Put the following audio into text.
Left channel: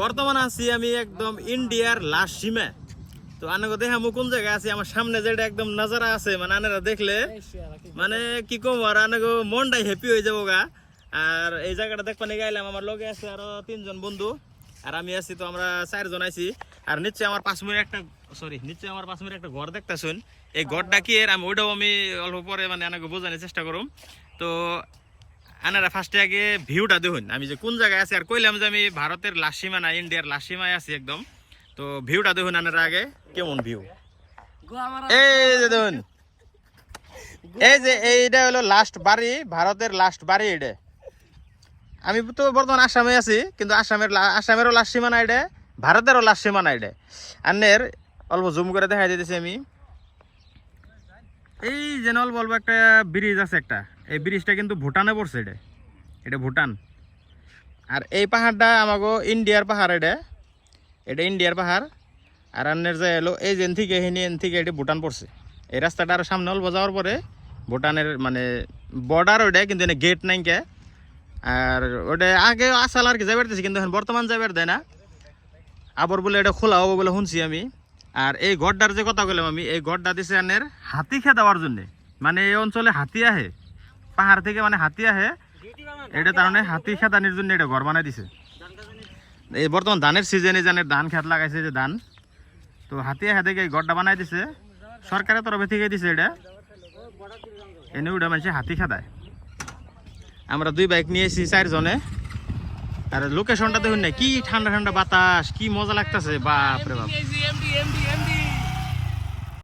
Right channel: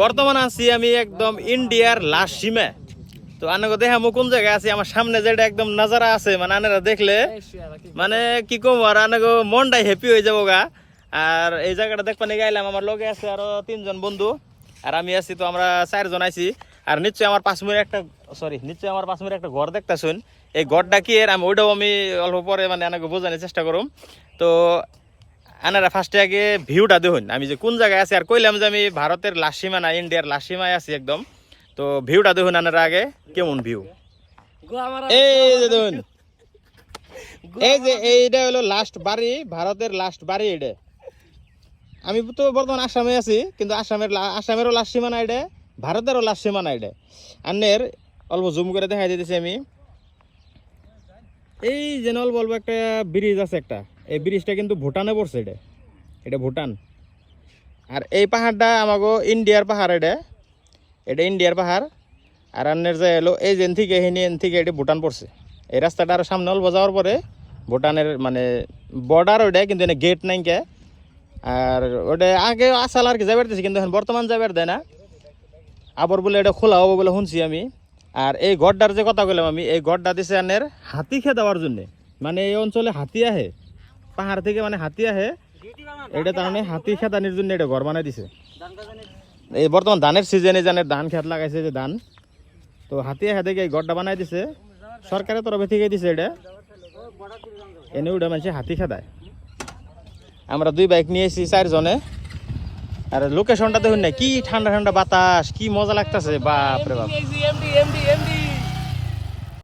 বর্তমানে আছি আমি একদম ইন্ডিয়ার লাস্ট সীমা। তো আনাকে দেখা কোন জায়গায় আছি, আমার সামনে যেটা একদম নাজারা আছে, মানে আনারা দেখলে মানে কি কম আর আনাকে মনটাই হ্যাপি হয়ে যাবো গা। আর এই জায়গাটা দেখতে নিয়ে গাইলাম, আমার লগে আছে আরো 3 জন বন্ধু আর আমি আছি, তো আমরা 4 জন আছি। আর নিশ্চয়ই আমার 5 মিনিট একটা ঘর দেখতেছুন। এই ঘরটা কি এর আমি ওইটাও আমি অল্প পরে মানে আনাকে বোঝানোর চেষ্টা করুম। তো আনারা ফার্স্টে আগে ভিউটা দেখুন, আমি যে কোন জায়গায় আছি। আর কইলাম যে আমি ভারতের লাস্ট সীমা না ইন্ডিয়ার লাস্ট সীমায় আছি একদম। তো ভিউটা দেখুন আনারা আগে কেমন ভিউ। এই যে দেখুন, এই যে এইটা হলো লাস্ট বাড়ি, ভারতের লাস্ট বাড়ি এটা। আমি তো বর্তমান আসামে আছি, কিন্তু আসামেরও লাস্ট সীমানা এটা, ভারতেরও লাস্ট সীমানা এটা। আন্নের অল্প জুম করে দেখাই দিতেছি আমি। এই যে অল্প অল্প একটা ব্রিজ আছে একটা, এই ব্রিজটা কিন্তু ভুটানে পড়ছে। এটা ভুটান। আর এই পাহাড়টা আমাগো ইন্ডিয়ার পাহাড়, এটা ইন্ডিয়ার পাহাড়। আর আন্নের যে এলো এই যে থেকে এটা ভুটান পড়ছে। এই রাস্তাটা আরো সামনে অল্প যাওয়ার পরে ভুটানের মানে বর্ডার ওইটা, কিন্তু এনে গেট নাই কে। আর ওটা আগে আসাল আর কি যাবার দিয়েছে, কিন্তু এখন বর্তমান যাবার দেয় না। আবার বলে এটা খোলা হবো বলে শুনছি আমি। আর এই গড়টার যে কথা বললাম আমি, এই গড়টা দিছে আনের হাতি খেয়ে দেওয়ার জন্যে। মানে এই অঞ্চলে হাতি আহে, পাহাড় থেকে মানে হাতি আহে, এটা তার মানে হাতি খেতানির জন্য এটা ঘর বানাই দিছে। এই বর্তমান ধানের সিজনে জানের ধান খেত লাগাইছে যে ধান, তো হাতি আহে দেখে এই গড়টা বানাই দিছে, সরকারের তরফে থেকে দিছে এটা। এনে ওটা মানুষে হাতি খেদায়। আমরা 2 বাইক নিয়েছি 4 জনে। আর লোকেশনটা দেখুন না, কি ঠান্ডা ঠান্ডা বাতাস, কি মজা লাগতেছে, বাপ রে বাপ।